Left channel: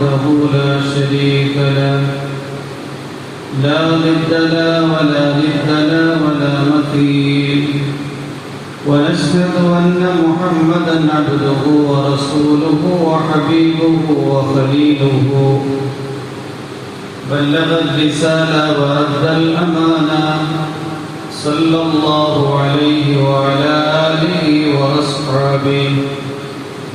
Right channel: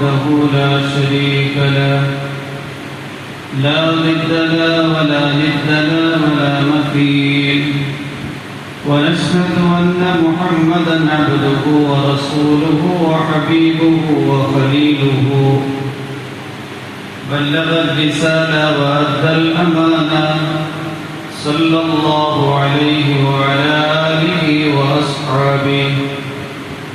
وحده لا شريك له. لا ضد له ولا ند له ولا مثيل ونشهد أن محمدا عبده ورسوله وحبيبه وخليله. بلغ الرسالة وأدى الأمانة. صلى الله عليه وعلى آله وأصحابه.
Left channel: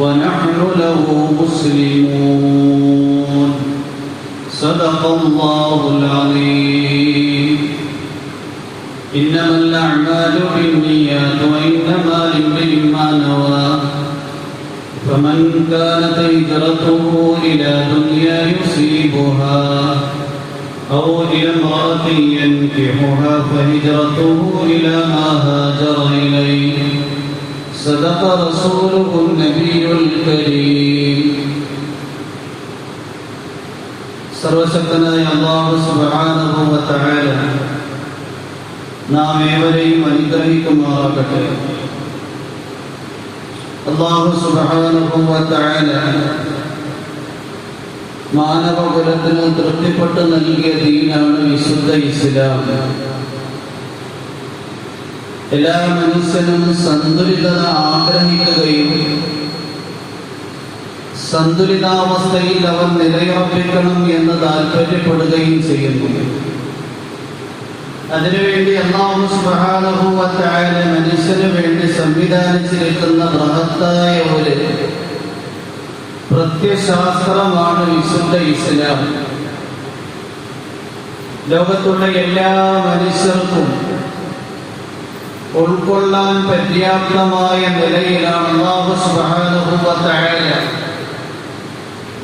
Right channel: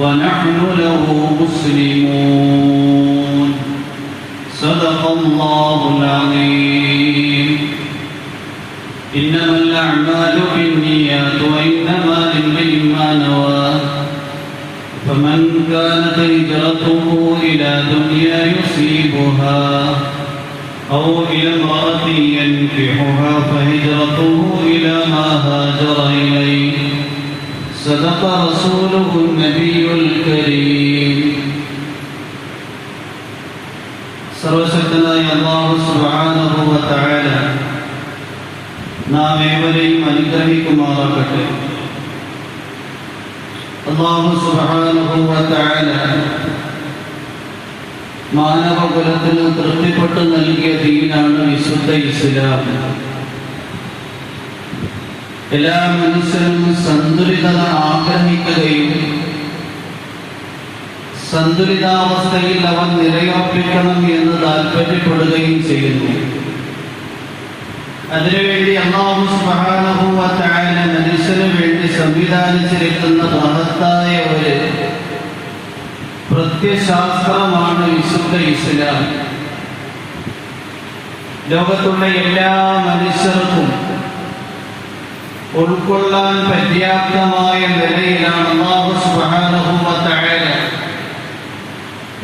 ونحن له مسلمون. صدق الله العظيم. إنما الأعمال بالنيات وإنما لامرئ ما نوى. فمن كانت هجرته إلى دنيا يصيبها أو إلى امرأة ينكحها فهجرته إلى ما هاجر إليه. صدق رسوله النبي الكريم സർവശക്തനായ അള്ളാഹു സുബ്ഹാനഹു വ തആല നാം ഏവരെയും അനുഗ്രഹിക്കുമാറാകട്ടെ അള്ളാഹു സുബ്ഹാനഹു വ തആല മാനവകുലത്തിന് തൃപ്തിപ്പെട്ട് നൽകിയ ദീനാണ് വിശുദ്ധ ഇസ്ലാം എല്ലാ മനുഷ്യനും സന്തുലിതത ആഗ്രഹിക്കുകയും സന്തുലിതാവസ്ഥയിൽ അവർ നിലയുറപ്പിക്കണം എന്ന് താല്പര്യപ്പെടുകയും ചെയ്യുന്നു. അതിനുവേണ്ടി അള്ളാഹു തആല മനുഷ്യന് വേണ്ടി സംവിധാനിച്ചിരിക്കുന്ന ബൃഹത്തായ ഒരു പ്രത്യശാസ്ത്രമാണ് വിശുദ്ധ ഇസ്ലാം. ലോകത്തുള്ള എല്ലാ മനുഷ്യർക്കും ഉൾക്കൊള്ളാൻ പര്യാപ്തമായ നിലയിലാണ്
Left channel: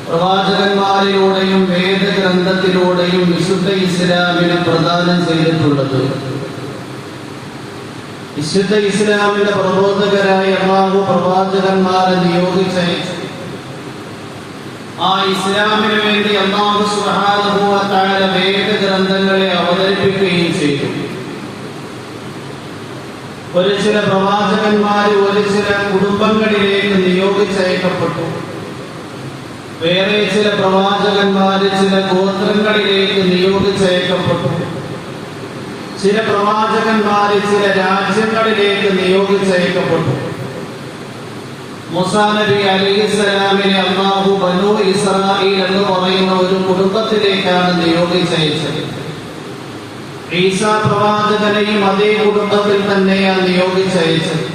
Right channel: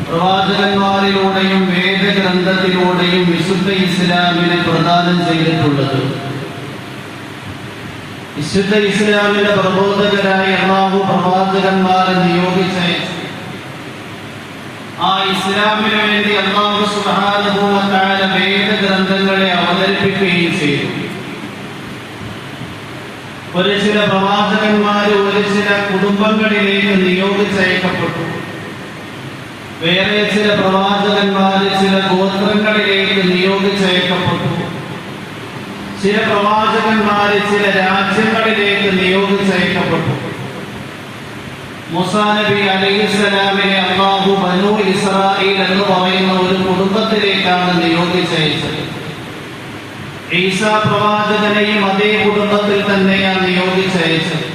പ്രവാചകന്മാരിലൂടെയും വേദഗ്രന്ഥത്തിലൂടെയും വിശുദ്ധ ഇസ്ലാമിനെ പ്രദാനം ചെയ്തിട്ടുള്ളത്. വിശുദ്ധ ഇസ്ലാമിന്റെ പ്രബോധകരായ അള്ളാഹു പ്രവാചകന്മാരെ നിയോഗിച്ചയച്ചു ആ ഇസ്ലാമിന് വേണ്ടി അള്ളാഹു തആല വേദഗ്രന്ഥങ്ങളെ അവതരിപ്പിക്കുകയും ചെയ്തു. ഒരു ചില പ്രവാചകന്മാര് ഒരു ചില കുടുംബങ്ങളിലേക്ക് നിയോഗിച്ചയക്കപ്പെട്ടു വേറെ ചില പ്രവാചകന്മാര് ചില ഗോത്രങ്ങളിലേക്ക് നിയോഗിച്ചയക്കപ്പെട്ടു ചില പ്രവാചകന്മാര് ചില രാജ്യങ്ങളിലേക്ക് നിയോഗിച്ചയക്കപ്പെട്ടു മുസാ നബി അലൈഹിസ്സലാമിനെ അള്ളാഹു ബനു ഇസ്രായേൽ എന്ന് പറയുന്ന ഒരു കുടുംബത്തിലേക്കാണ് നിയോഗിച്ചയച്ചത്. ഈസാ പ്രവാചകനെയും അതേ കുടുംബത്തിൽ തന്നെയാണ് നിയോഗിച്ചയച്ചത്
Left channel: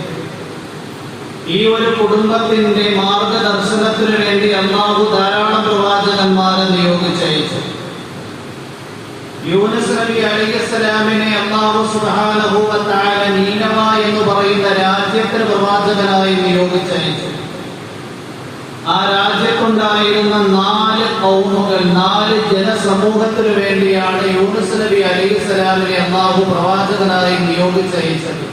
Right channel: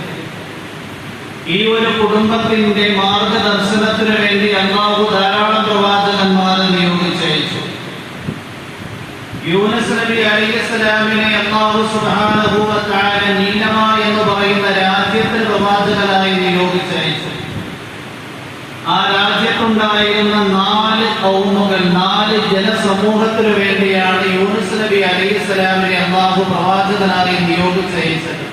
ഈ ഒരു കുടുംബത്തിന്റെ മാർഗദർശനത്തിനു വേണ്ടി അള്ളാഹു ധാരാളം പ്രവാചകന്മാരെ നിയോഗിച്ചയച്ചു യൂനസ് നബി അലൈഹിസ്സലാമിനെ അള്ളാഹു സുബ്ഹാനഹു വ തആല എന്ന് പറയുന്ന രാജ്യത്തിന് പ്രവാചകനായി നിയോഗിച്ചയച്ചു ആ രാജ്യത്തുണ്ടായിരുന്ന നാല് കൗമുകൾ നാല് ജനസമൂഹത്തിനു വേണ്ടിയാണ് യൂനുസ് നബി അലൈഹിസ്സലാമിനെ അള്ളാഹു പ്രവാചകനായി നിയോഗിച്ചയച്ചത്.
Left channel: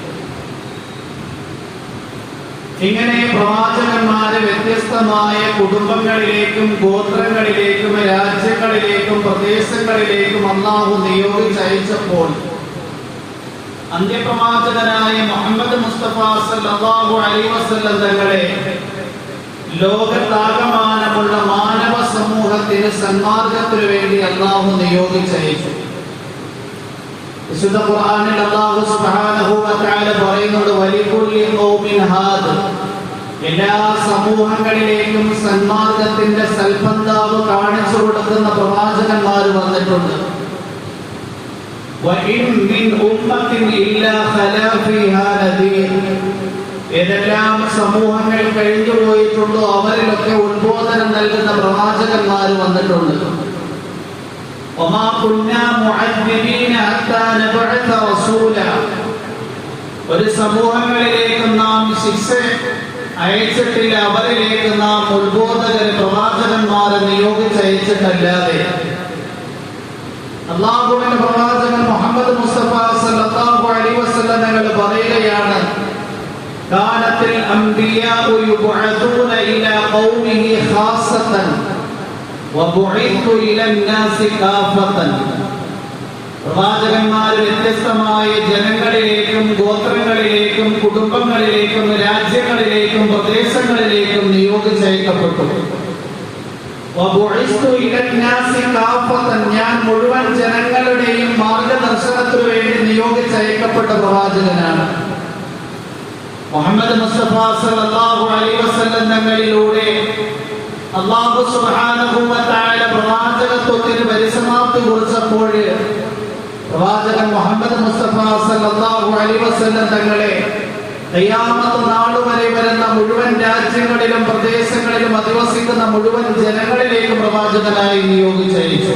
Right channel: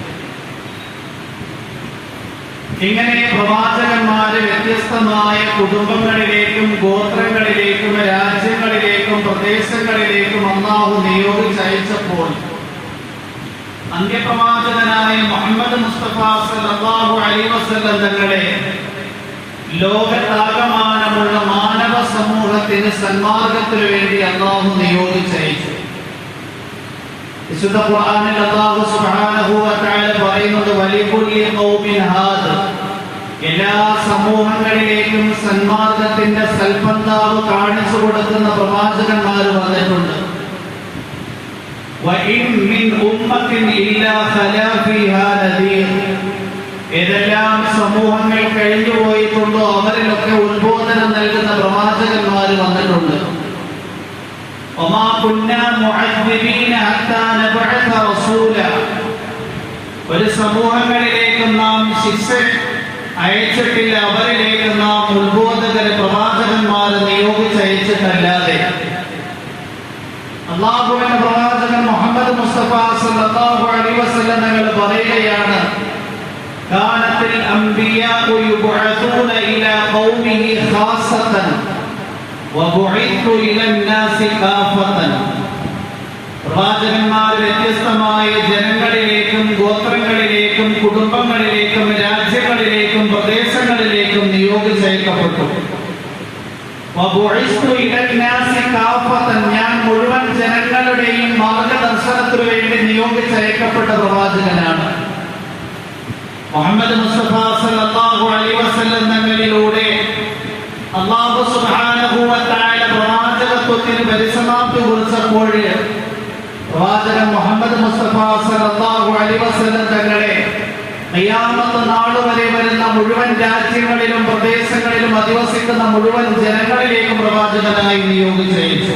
ഇങ്ങനെ പ്രവാചകന്മാരെ വ്യത്യസ്തമായ കുടുംബങ്ങളിലേക്കും ഗോത്രങ്ങളിലേക്കും രാജ്യങ്ങളിലേക്കും പ്രദേശങ്ങളിലേക്കും അള്ളാഹു നിയോഗിച്ചയച്ചപ്പോൾ അന്ത്യപ്രവാചകനായ മുഹമ്മദ് മുസ്തഫ അലൈഹി വസല്ലം തങ്ങളെ ലോകത്താകമാനമുള്ള മാനവ സമൂഹത്തിന് സന്മാർഗത്തിനു വേണ്ടി അള്ളാഹു നിയോഗിച്ചയച്ചു വിശുദ്ധ ഖുർആനിൽ അല്ലാഹു സുബ്ഹാനഹു വ തആല പറയുന്നത് വലികുല്ലി ഖൗമിൻ ഹാദ്. എല്ലാ സമൂഹങ്ങളിലേക്കും സന്മാർഗത്തിന്റെ സൽപന്താവ് കാണിച്ചു കൊടുക്കുന്ന പ്രവാചകന്മാർ വന്നിട്ടുണ്ട്. മിൻ ഉമ്മത്തിൻ ഇല്ലാ ഖലാ ഫീഹാ നദീർ. ഏതെല്ലാം സമൂഹങ്ങൾ കഴിഞ്ഞു പോയിട്ടുണ്ടോ അവരിലൊക്കെ ഉദ്ബോധനം നൽകുന്ന പ്രവാചകന്മാർ വന്നിട്ടുണ്ട്. ഒരു സമൂഹങ്ങളിലേക്ക് നാം ശിക്ഷ അയച്ചിട്ടില്ല അവരിലേക്ക് നാം ഉദ്ബോധകരെ പ്രവാചകന്മാരെ നിയോഗിച്ചയച്ചിട്ടല്ലാതെ അള്ളാഹുവിന്റെ പ്രവാചകൻ മുഹമ്മദ് മുസ്തഫ സല്ലല്ലാഹു അലൈഹി വസല്ലം തങ്ങൾ പറയുകയാണ് കാനത്തിൽ الأنبياء يبعثون إلى قومه خاصة വബുഇത്തു إلى الناس كافة പ്രവാചകന്മാർ വ്യത്യസ്തമായ ജനങ്ങളിലേക്കും ഗോത്രങ്ങളിലേക്കും കുടുംബങ്ങളിലേക്കും രാജ്യങ്ങളിലേക്കും പ്രദേശങ്ങളിലേക്കും നിയോഗിച്ചയക്കപ്പെട്ടു. ഞാൻ മുഴുവൻ ജനങ്ങളുടെയും മാർഗദർശനത്തിനു വേണ്ടി നിയോഗിച്ചയക്കപ്പെട്ട പ്രവാചകനാണ്. മുഹമ്മദ് മുസ്തഫ സല്ലല്ലാഹു അലൈഹി വസല്ലം തങ്ങളിലൂടെ അല്ലാഹു സുബ്ഹാനഹു വ തആല പ്രവാചകത്വത്തിന് പരിസമാപ്തി കുറിച്ചപ്പോൾ പ്രവാചകൻ മുഹമ്മദ് മുസ്തഫ സല്ലല്ലാഹു അലൈഹി വസല്ലം തങ്ങളെ ഖിയാമത്ത് നാൾ വരെ വരുന്ന മുഴുവൻ രാജ്യങ്ങളിലും പ്രദേശങ്ങളിലും അധിവസിക്കുന്ന മുഴുവൻ ജനങ്ങളിലേക്ക് പ്രവാചകനായി നിയോഗിച്ചയച്ചു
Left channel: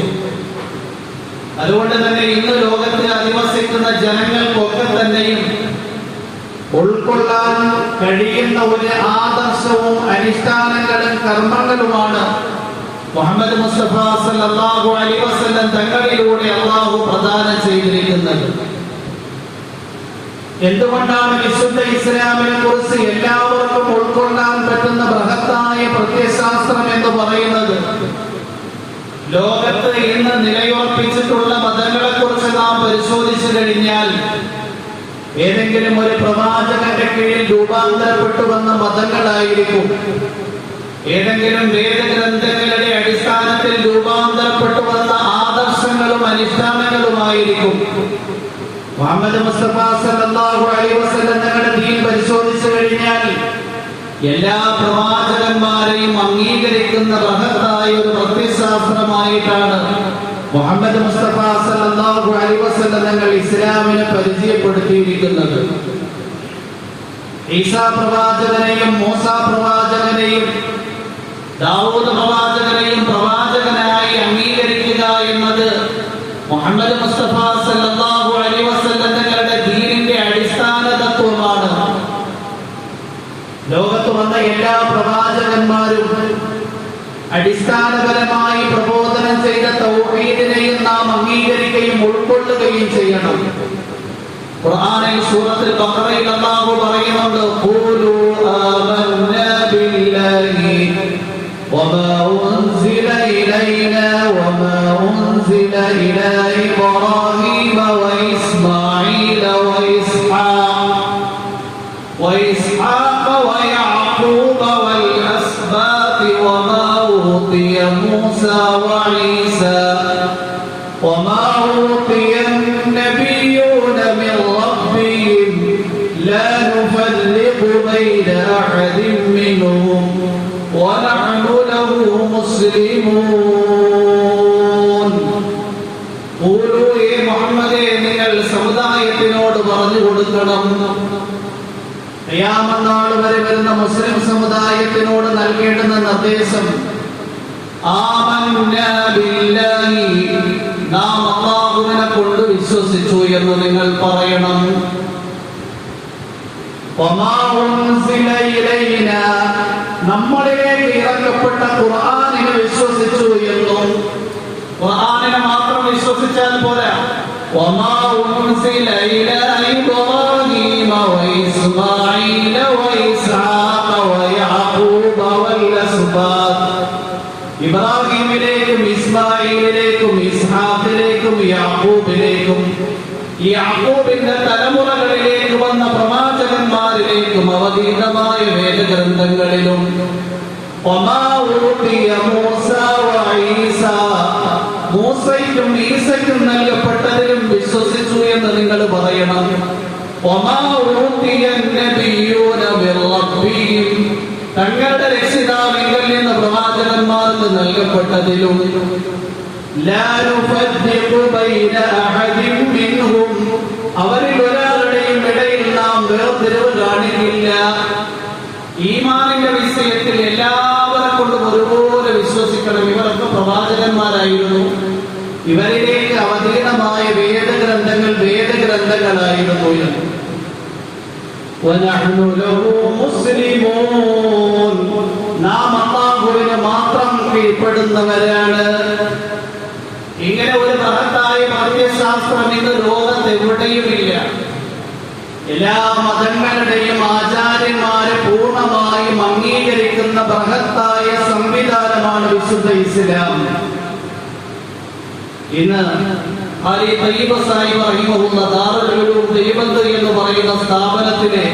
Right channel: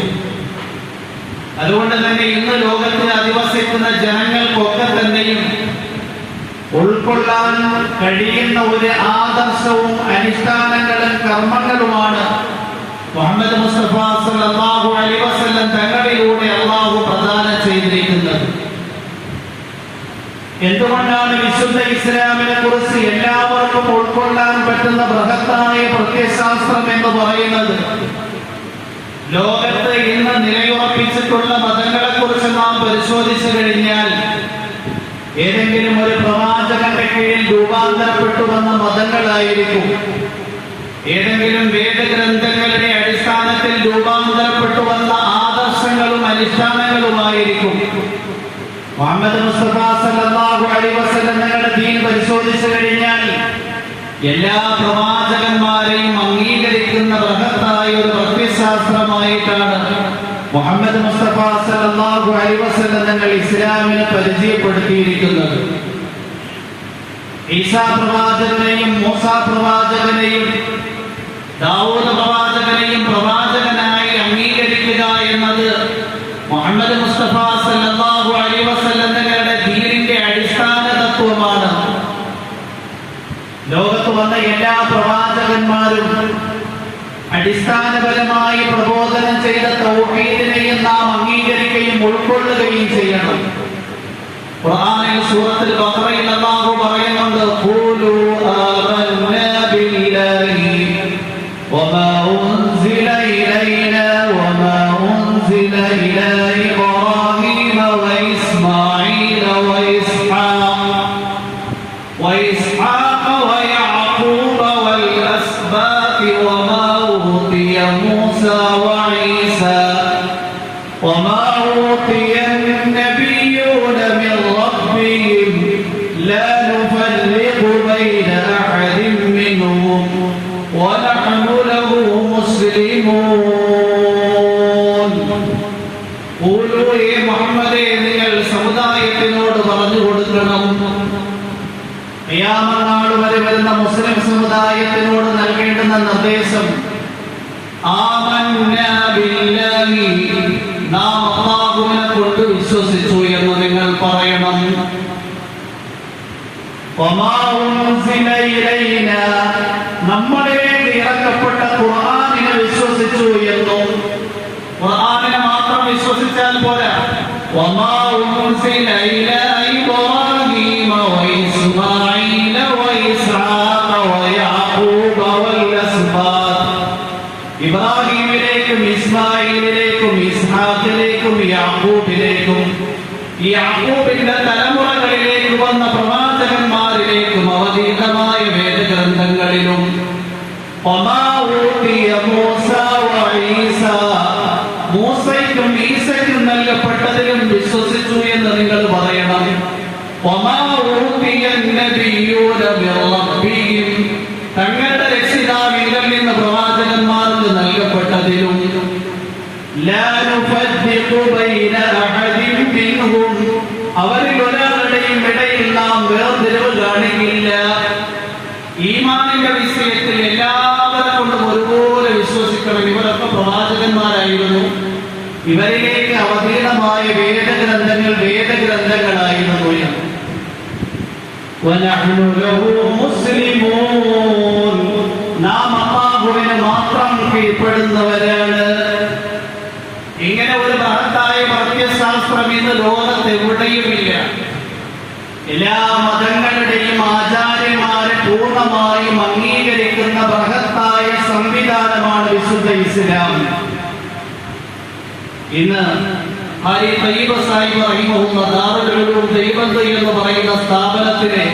അതുകൊണ്ട് തന്നെ ഇന്ന് ലോകത്തിൽ അധിവസിക്കുന്ന ജനങ്ങൾക്കൊക്കെ തന്നെയും ഉൾക്കൊള്ളാൻ കഴിയുന്ന ഒരു ആദർശവും അനുഷ്ഠാനങ്ങളും കർമ്മങ്ങളുമാണ്. മുഹമ്മദ് മുസ്തഫ സല്ലല്ലാഹു അലൈഹി വസല്ലം തങ്ങളിലൂടെ അള്ളാഹു പ്രദാനം ചെയ്തിരിക്കുന്നത്. എന്തുകൊണ്ടാണ് വിശുദ്ധ ഇസ്ലാമിനെ കുറിച്ച് എല്ലാവർക്കും ഉൾക്കൊള്ളാൻ പറ്റുന്ന ബൃഹത്തായ പ്രത്യയശാസ്ത്രം എന്ന് പറയുന്നത്? ലോകത്ത് ഇന്ന് നിലയുറപ്പിച്ചിട്ടുള്ള മതങ്ങളെ കുറിച്ച് നാം പരിശോധിച്ചു കഴിഞ്ഞാൽ ഏതെങ്കിലും ഒരു പ്രവാചകന്റെ കീഴിൽ രൂപാന്തരപ്പെട്ടു വന്ന മതങ്ങളായിരിക്കും. ഏതെങ്കിലും വേദഗ്രന്ഥങ്ങളുടെ അടിസ്ഥാനത്തിൽ രൂപാന്തരപ്പെട്ടു വന്ന ആദർശങ്ങളും അനുഷ്ഠാനങ്ങളുമായിരിക്കും. മുഹമ്മദ് മുസ്തഫ സല്ലല്ലാഹു അലൈഹി വസല്ലം ദീൻ പരിശോധിച്ചു കഴിഞ്ഞാൽ എല്ലാ പ്രവാചകന്മാരെയും അംഗീകരിക്കുന്ന ബൃഹത്തായ ഒരു പ്രത്യശാസ്ത്രമായിട്ടാണ് മുഹമ്മദ് മുസ്തഫ സല്ലല്ലാഹു അലൈഹി വസല്ലം തങ്ങൾ ഇസ്ലാമിനെ പരിചയപ്പെടുത്തിയിരിക്കുന്നത്. ഈസാ പ്രവാചകനെയും മൂസ പ്രവാചകനെയും ദാവൂദ് പ്രവാചകനെയും പ്രവാചകനായി അംഗീകരിക്കുക എന്നത് മുഹമ്മദ് മുസ്തഫ സല്ലല്ലാഹു അലൈഹി വസല്ലം തങ്ങളുടെ ദീനിന്റെ അടിസ്ഥാന തത്വമാണ്. ലോകത്ത് വന്ന എല്ലാ പ്രവാചകന്മാരും അടിസ്ഥാനപരമായി പ്രബോധനം ചെയ്ത തൗഹീദിനെയും നാം അംഗീകരിക്കുകയും ഉൾക്കൊള്ളുകയും ചെയ്യണം. ഖുർആനിൽ സൂറത്തുൽ ബഖറയിൽ അല്ലാഹു പറയുന്നുണ്ട് ഖൂലു ആമന്നാ ബില്ലാഹി വമാ ഉൻസില ഇലൈനാ വമാ ഉൻസില ഇലാ ഇബ്രാഹീമ സമുദായത്തിനോട് പറഞ്ഞു കൊടുക്കണം. ഖിയാമനാൾ വരെ വരുന്ന മുസ്ലിം സമുദായത്തിനോട് നൽകേണ്ടുന്ന നിർദ്ദേശം നാം അല്ലാഹുവിനെ കൊണ്ട് വിശ്വസിച്ചു എന്ന് നിങ്ങൾ പറയണം. നമ്മളിലേക്ക് ഇറക്കപ്പെട്ട ഖുർആനിനെ വിശ്വസിച്ചു എന്നും ഖുർആനിനെ മാത്രം വിശ്വസിച്ചാൽ പോരാ. وما أنزل إلى إبراهيم وإسماعيل وإسحاق ويعقوب والأسباط ഇബ്രാഹിമിലേക്കും ഇസ്മായിലിലേക്കും ഇസ്ഹാഖിലേക്കും യാക്കൂബിലേക്കും ഈ യാക്കോബിന്റെ തലമുറകളിലേക്ക് വന്ന പ്രവാചകന്മാരിലേക്കും അവതീതമായ വേദഗ്രന്ഥങ്ങളിലും وما أوتي موسى وعيسى മൂസയ്ക്കും ഈസയ്ക്കും നൽകപ്പെട്ടതിലും നൽകപ്പെട്ടതിലും അവരിൽ ഒരാളുടെയും ഇടയിൽ നാം വേർതിരിവ് കാണിക്കില്ല. ഈമാനിന്റെ വിഷയത്തിൽ എല്ലാവരെ കൊണ്ടും ഒരുപോലെ വിശ്വസിക്കണം. ഇവരൊക്കെ പ്രവാചകന്മാരായിരുന്നു. ഇവരിലേക്ക് അവതീർണമായ വേദഗ്രന്ഥങ്ങൾ വേദഗ്രന്ഥങ്ങളായിരുന്നു. നാം അള്ളാഹ് അള്ളാഹുവിന് മാത്രം കീഴ്പ്പെടുന്നവരാണ്. ഇങ്ങനെ ഒരു മഹത്തായ മദ്യശാസ്ത്രം ഇന്ന് ലോകത്ത് എവിടെയുമില്ല. എല്ലാ മതങ്ങളുടെയും ആചാര്യന്മാരെ പൂർണമായും അംഗീകരിക്കുന്ന ബൃഹത്തായ സംവിധാനമാണ് വിശുദ്ധ ഇസ്ലാം. ഇന്ന് ഹാരി തയ്യബ സാഹിബ് റഹിമഹുള്ള എന്ന് പറയുന്ന സ്ഥാപനത്തിലെ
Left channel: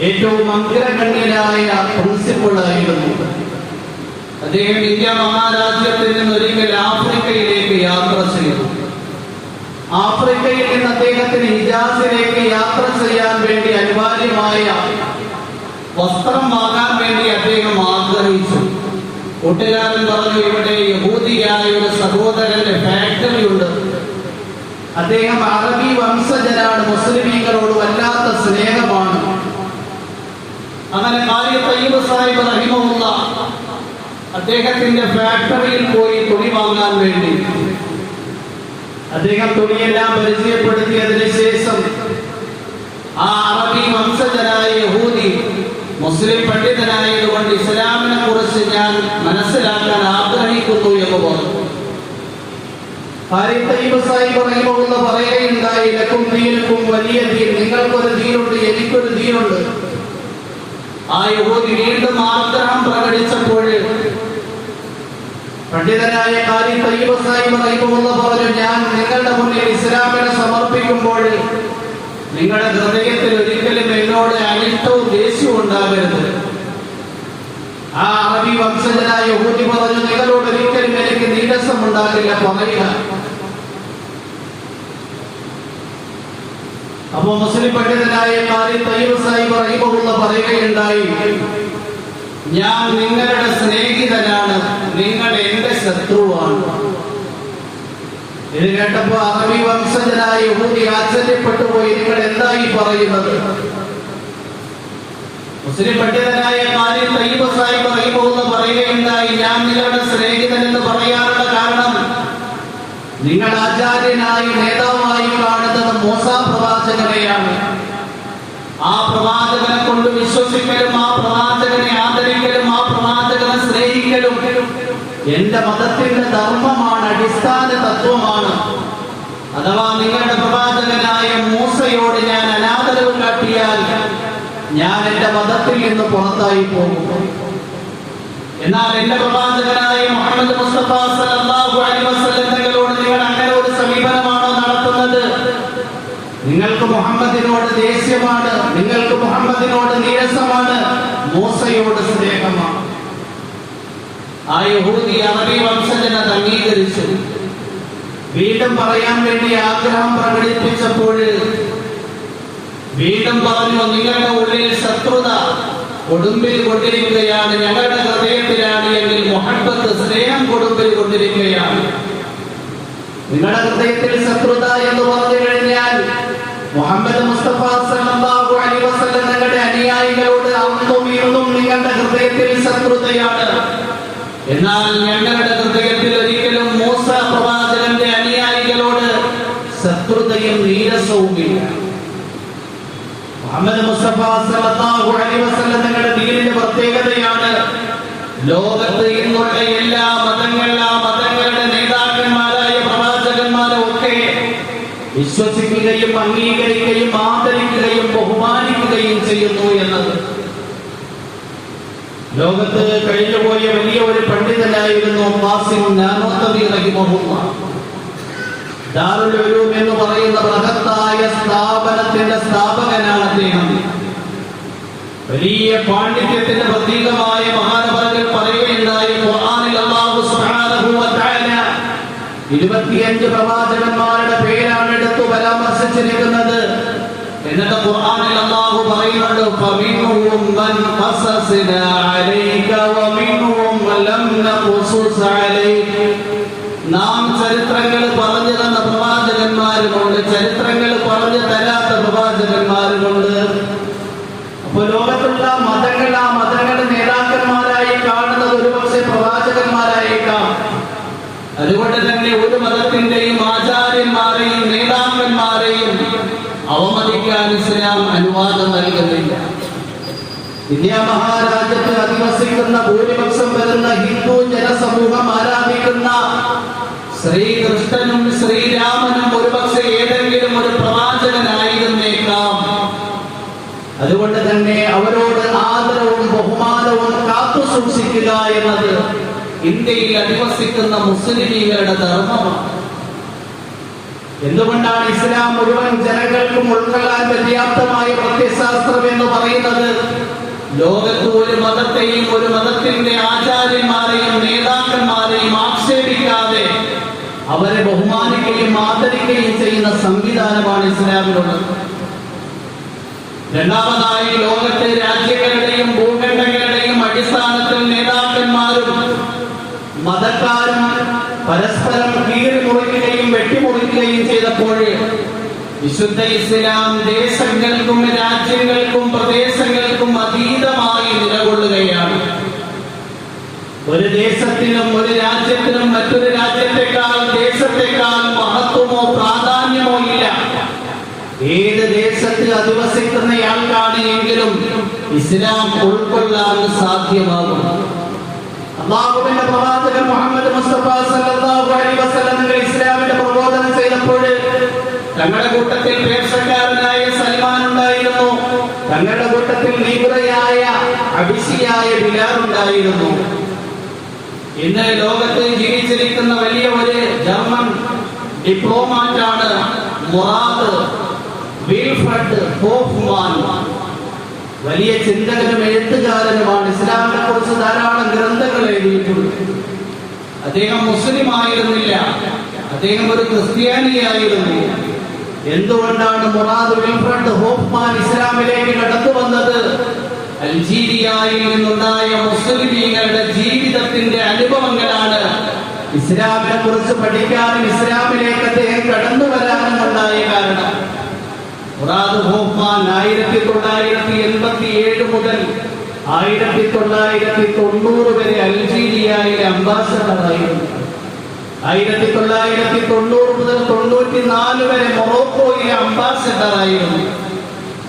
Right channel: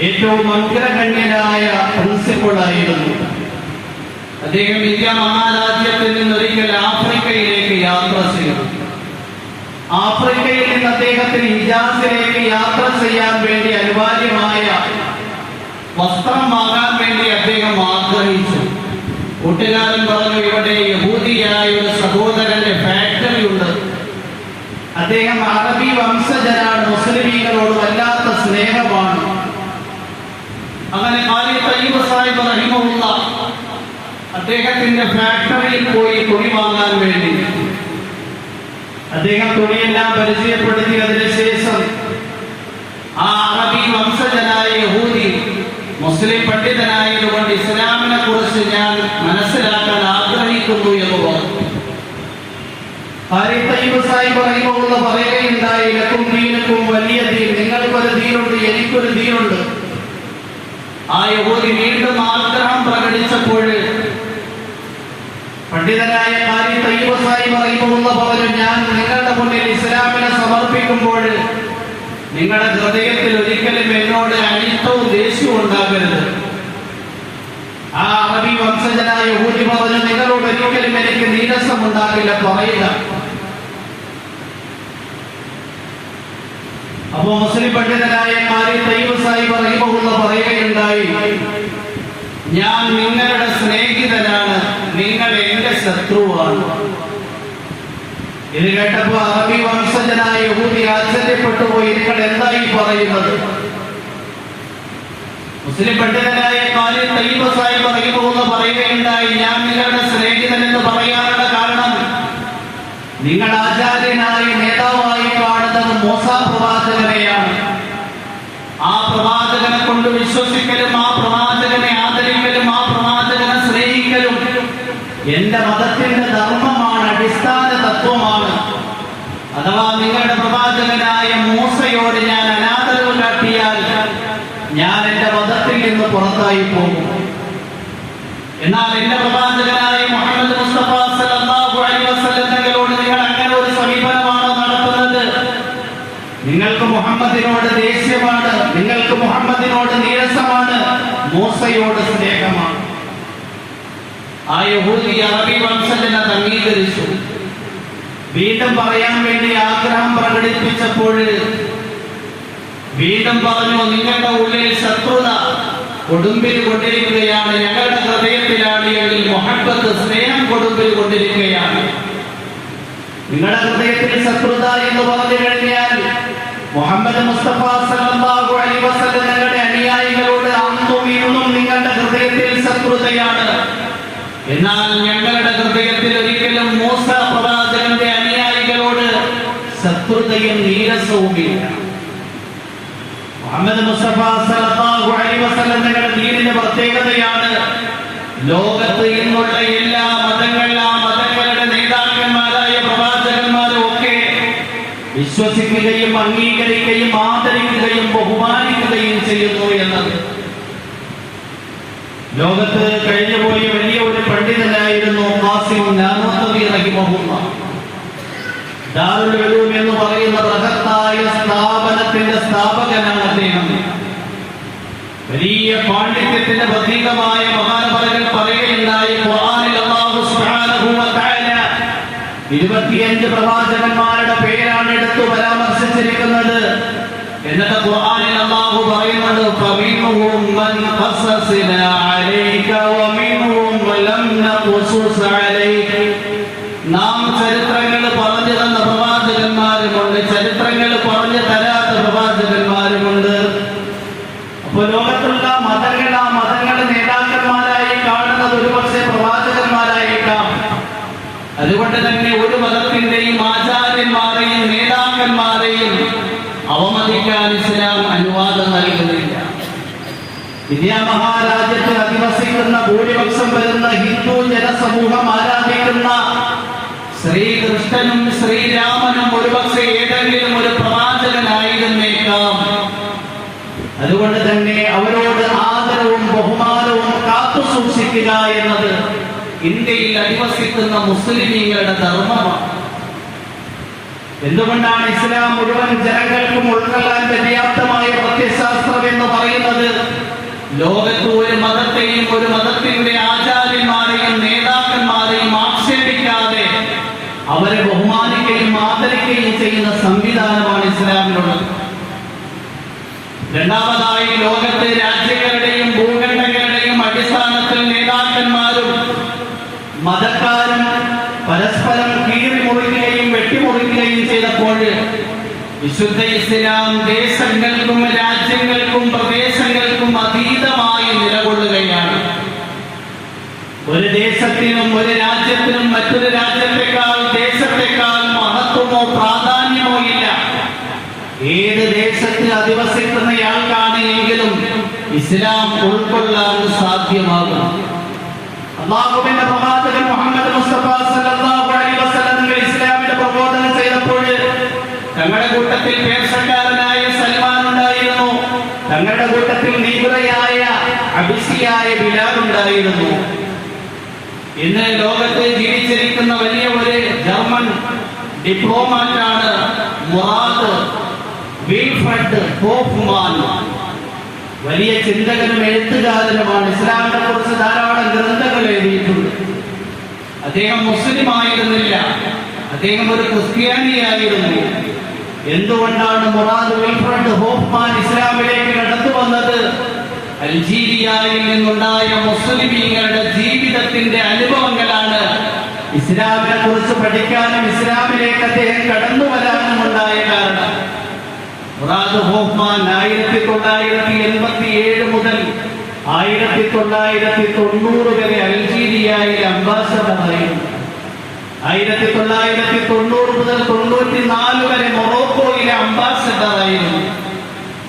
ഏറ്റവും അഗ്രഗണ്യനായ പ്രിൻസിപ്പളായിരുന്നു. അദ്ദേഹം ഇന്ത്യ മഹാരാജ്യത്തിൽ നിന്ന് ഒരിക്കൽ ആഫ്രിക്കയിലേക്ക് യാത്ര ചെയ്തു. ആഫ്രിക്കയിൽ നിന്ന് അദ്ദേഹത്തിന് ഹിജാസിലേക്ക് യാത്ര ചെയ്യാൻ വേണ്ടി അനിവാര്യമായ വസ്ത്രം വാങ്ങാൻ വേണ്ടി അദ്ദേഹം ആഗ്രഹിച്ചു. കൂട്ടുകാരൻ പറഞ്ഞു ഇവിടെ യഹൂദിയായ ഒരു സഹോദരന്റെ ഫാക്ടറി ഉണ്ട്. അദ്ദേഹം അറബി വംശജനാണ് മുസ്ലിമീങ്ങളോട് വല്ലാത്ത സ്നേഹമാണ്. അങ്ങനെ കാലി തയ്യബ് സാഹിബ് റഹിമുള്ള അദ്ദേഹത്തിന്റെ ഫാക്ടറിയിൽ പോയി തുണി വാങ്ങാൻ വേണ്ടി. അദ്ദേഹം തുണിയെല്ലാം പരിചയപ്പെടുത്തി അതിനുശേഷം ആ അറബി വംശജനായ യഹൂദി മുസ്ലിം പണ്ഡിതനായതുകൊണ്ട് ഇസ്ലാമിനെ കുറിച്ച് ഞാൻ മനസ്സിലാക്കാൻ ആഗ്രഹിക്കുന്നു എന്ന് പറഞ്ഞു. പറയുകയുണ്ടായി ലക്കും ദീനക്കും വലിയ ദീൻ നിങ്ങൾക്കൊരു ദീനുണ്ട് എനിക്കൊരു ദീനുണ്ട്. യഹൂദി വീണ്ടും ആഗ്രഹം പ്രകടിച്ചപ്പോൾ പണ്ഡിതനായ കാരി തയ്യബ സാഹിബ് റഹിമഹുള്ള പറഞ്ഞു ഞാൻ നിങ്ങളുടെ മുന്നിൽ ഇസ്ലാമിനെ സമർപ്പിക്കുമ്പോൾ നിങ്ങളുടെ ഹൃദയത്തിൽ ഒരിക്കലും എന്നോട് അനിഷ്ടവും ദേഷ്യവും ഉണ്ടാകരുത്. ആ അറബി വംശജനായ ഊരി പറഞ്ഞു നിങ്ങളോട് ഒരിക്കലും എനിക്ക് നീരസം ഉണ്ടാകില്ല പറയുക. അപ്പോ മുസ്ലിം പണ്ഡിതനായ കാരി തയ്യബ് സാഹിബ് റഹിമഹുള്ള പറയുകയുണ്ടായി ഞാൻ നിങ്ങളുടെ സ്നേഹിതനാണ് നിങ്ങൾ എന്റെ ശത്രുവാണ്. ഇത് കേട്ടപ്പോ അറബി വംശജനായ യഹൂദി ആശ്ചര്യപ്പെട്ടു പോയി നിങ്ങൾ എന്തായി പറയുന്നത്? മുസ്ലിം പണ്ഡിതനായ കാലി തയ്യബ സാഹിബ് റഹിമഹുള്ള പറയുകയുണ്ടായി ഞാൻ നിങ്ങളുടെ സ്നേഹിതൻ എന്ന് കാരണം നിങ്ങൾ ആചാര്യനായി നേതാവായി കാണുന്നത് മൂസ പ്രവാചകനെയാണ്. ആ പ്രവാചകനെ കൊണ്ട് വിശ്വസിക്കലും ആ പ്രവാചകനെ ആദരിക്കലും ആ പ്രവാചകനെ സ്നേഹിക്കലും എന്റെ മതത്തിന്റെ ധർമ്മമാണ് അടിസ്ഥാന തത്വമാണ്. അഥവാ നിങ്ങളുടെ പ്രവാചകനായ മൂസയോട് ഞാൻ അനാദരവ് കാട്ടിയാൽ ഞാൻ എന്റെ മതത്തിൽ നിന്ന് പുറത്തായി പോകും. എന്നാൽ എന്റെ പ്രവാചകനായ മുഹമ്മദ് മുസ്തഫ സല്ലല്ലാഹു അലൈഹി വസല്ലം നിങ്ങൾ അങ്ങനെ ഒരു സമീപനമാണോ നടത്തുന്നത് നിങ്ങൾക്ക് മുഹമ്മദിനോട് ദേഷ്യമാണ് നിങ്ങൾക്ക് മുഹമ്മദിനോട് നീരസമാണ് മൂസയോട് സ്നേഹമാണ്. ആ യഹൂദി അറബി വംശജനെ അംഗീകരിച്ചു. വീണ്ടും പറയാൻ വേണ്ടി ആഗ്രഹം പ്രകടിപ്പിച്ചപ്പോൾ വീണ്ടും പറഞ്ഞു നിങ്ങളുടെ ഉള്ളിൽ ശത്രുത കൊടുമ്പിൽ കൊണ്ടിരിക്കുകയാണ് ഞങ്ങളുടെ ഹൃദയത്തിലാണ് എങ്കിൽ മൊഹബത്ത് സ്നേഹം കൊടുമ്പിൽ കൊണ്ടിരിക്കുകയാണ്. നിങ്ങളുടെ എന്ന് മുഹമ്മദ് മുസ്തഫ സല്ലല്ലാഹു അലൈഹി വസല്ലം അന്നും ഇന്നും നിങ്ങളുടെ ഹൃദയത്തിൽ എന്നാൽ ഞങ്ങളുടെ ഹൃദയത്തിൽ ഒരിക്കലും മൂസ പ്രവാചകന്റെ അനുയായികളോട് ശത്രുതയും നീരസവുമില്ല. മുഹമ്മദ് മുസ്തഫ സല്ലല്ലാഹു അലൈഹി വസല്ലം ദീനിന്റെ പ്രത്യേകതയാണ് ലോകത്ത് ഇന്നുള്ള എല്ലാ വിശ്വസിക്കുകയും അംഗീകരിക്കുകയും ആദരിക്കുകയും ബഹുമാനിക്കുകയും ചെയ്യുന്നു എന്നത്. ലോകത്ത് കഴിഞ്ഞുപോയ വലിയ ഒരു പണ്ഡിതനായിരുന്നു ദാറുൽ എന്ന് പറയുന്ന ബൃഹത്തായ സ്ഥാപനത്തിന്റെ സ്ഥാപകനാണ് അദ്ദേഹം. വലിയ പാണ്ഡിത്യത്തിന്റെ പ്രതീകമായ മഹാനപറകൾ പറയുകയുണ്ടായി ഖുർആനിൽ അല്ലാഹു സുബ്ഹാനഹു വ തആല ഇരുപത്തിയഞ്ച് പ്രവാചകന്മാരുടെ പേരാണ് എടുത്തു പരാമർശിച്ചിരിക്കുന്നത്. എന്നിട്ട് ഖുർആനിൽ അല്ലാഹു പറയുന്നുണ്ട് ഫമിൻഹും മൻ ഖസസ്ന അലൈക വമിൻഹും ലം നഖുസുസ് അലൈക. നാം ചരിത്രങ്ങൾ പറഞ്ഞു തന്ന പ്രവാചകന്മാരുമുണ്ട് ചരിത്രങ്ങൾ പറഞ്ഞു തരാത്ത പ്രവാചകന്മാരുമുണ്ട്. അപ്പൊ ലോകത്തുള്ള മതങ്ങൾ ആ മതങ്ങളുടെ നേതാക്കന്മാരായി കാണുന്നത് ഒരുപക്ഷെ പ്രവാചകന്മാരായേക്കാം. അതുകൊണ്ട് തന്നെ ഒരു മതത്തിന്റെയും ആചാര്യന്മാരെയും നേതാക്കന്മാരെയും അവമതിക്കാൻ ഇസ്ലാം അനുവാദം നൽകുന്നില്ല. ഇന്ത്യ മഹാരാജ്യത്ത് അധിവസിക്കുന്ന ഭൂരിപക്ഷം വരുന്ന ഹിന്ദു ജനസമൂഹം ആരാധിക്കുന്ന ശ്രീകൃഷ്ണനും ശ്രീരാമനും ഒരുപക്ഷെ ഏതെങ്കിലും ഒരു പ്രവാചകനായിരുന്നേക്കാം. അതുകൊണ്ട് തന്നെ അവരോട് ആദരവും ബഹുമാനവും കാത്തു സൂക്ഷിക്കുക എന്നത് ഇന്ത്യയിൽ അധിവസിക്കുന്ന മുസ്ലിമീങ്ങളുടെ ധർമ്മമാണ്. എന്തുകൊണ്ടാണ് ഇസ്ലാം മുഴുവൻ ജനങ്ങൾക്കും ഉൾക്കൊള്ളാൻ പര്യാപ്തമായ പ്രത്യശാസ്ത്രം എന്ന് പറയുന്നത്? ലോകത്ത് ഒരു മതത്തെയും ഒരു മതത്തിന്റെ ആചാര്യന്മാരെയും നേതാക്കന്മാരെയും ആക്ഷേപിക്കാതെ അവരെ ബഹുമാനിക്കുകയും ആദരിക്കുകയും ചെയ്യുന്ന സംവിധാനമാണ് ഇസ്ലാമിലുള്ളത്. രണ്ടാമതായി ലോകത്തെ രാജ്യങ്ങളുടെയും ഭൂഖണ്ഡങ്ങളുടെയും അടിസ്ഥാനത്തിൽ നേതാക്കന്മാരും മതക്കാരും പരസ്പരം കീറിമുറിക്കുകയും വെട്ടിമുറിക്കുകയും ചെയ്തപ്പോൾ വിശുദ്ധ ഇസ്ലാം ദേശങ്ങൾക്കും രാജ്യങ്ങൾക്കും പ്രദേശങ്ങൾക്കും അതീതമായി നിലകൊള്ളുകയാണ്. ഒരു ദേശത്തിനും ഒരു രാജ്യത്തിനും മറ്റൊരു രാജ്യത്തെക്കാൾ ദേശത്തെക്കാൾ മഹത്വമോ പ്രാധാന്യമോ ഇല്ല. ഏത് ദേശത്ത് അധിവസിക്കുന്നയാൾക്കാണ് എങ്കിലും ഇസ്ലാം ഉൾക്കൊള്ളാൻ സാധ്യമാകും. അള്ളാഹുവിന്റെ മുഹമ്മദ് മുസ്തഫ സല്ലല്ലാഹു അലൈഹി വസല്ലം ഇസ്ലാമിന്റെ പ്രബോധനം ചെയ്തപ്പോൾ തങ്ങളുടെ കൂട്ടത്തിൽ പേർസക്കാരനായ സൽമാൻ ഉണ്ടായിരുന്നു. തങ്ങളുടെ കൂട്ടത്തിൽ നീബുറയായ അഭിഷിയായ ബിലാൽ ഉണ്ടായിരുന്നു. ഇന്ന് ലോകത്ത് ജീവിച്ചിരിക്കുന്ന വലിയ ഒരു ജർമ്മൻ ഡിപ്ലോമാറ്റാണ് മുറാത്ത് വിൽഫ്രഡ് ഹോഫ്മാൻ. വലിയ ചിന്തകനും എഴുത്തുകാരനുമാണ്. ഇസ്ലാമിനെ കുറിച്ച് ധാരാളം ഗ്രന്ഥങ്ങൾ എഴുതിയിട്ടുണ്ട്. അദ്ദേഹം മുസ്ലിം ആയിരുന്നില്ല അദ്ദേഹം ഒരു ക്രിസ്ത്യാനിയായിരുന്നു എന്തുകൊണ്ടാണ് മുറാദ് വിൽഫ്രണ്ട് ഹോഫ്മാൻ ഇസ്ലാമിലേക്ക് കടന്നു വന്നത്? അൽജീരിയയിൽ നിന്നുണ്ടായ മുസ്ലിമീങ്ങളുടെ ജീവിതത്തിന്റെ അനുഭവങ്ങളാണ്. ഇസ്ലാമിനെ കുറിച്ച് പഠിക്കാനും ഇസ്ലാമിലേക്ക് അദ്ദേഹം കടന്നു വരാനും മുറാദ് ഹോഫ്മാൻ ആയിരത്തി തൊള്ളായിരത്തി എൺപത്തി ഏഴ് മുതൽ ആയിരത്തി തൊള്ളായിരത്തി തൊണ്ണൂറ് വരെ അൽജീരിയയിലെ അംബാസഡറായിരുന്നു. ആയിരത്തി തൊള്ളായിരത്തി തൊണ്ണൂറ് മുതൽ തൊണ്ണൂറ്റി നാല് വരെ മൊറോക്കോയിലെ അംബാസഡറായിരുന്നു.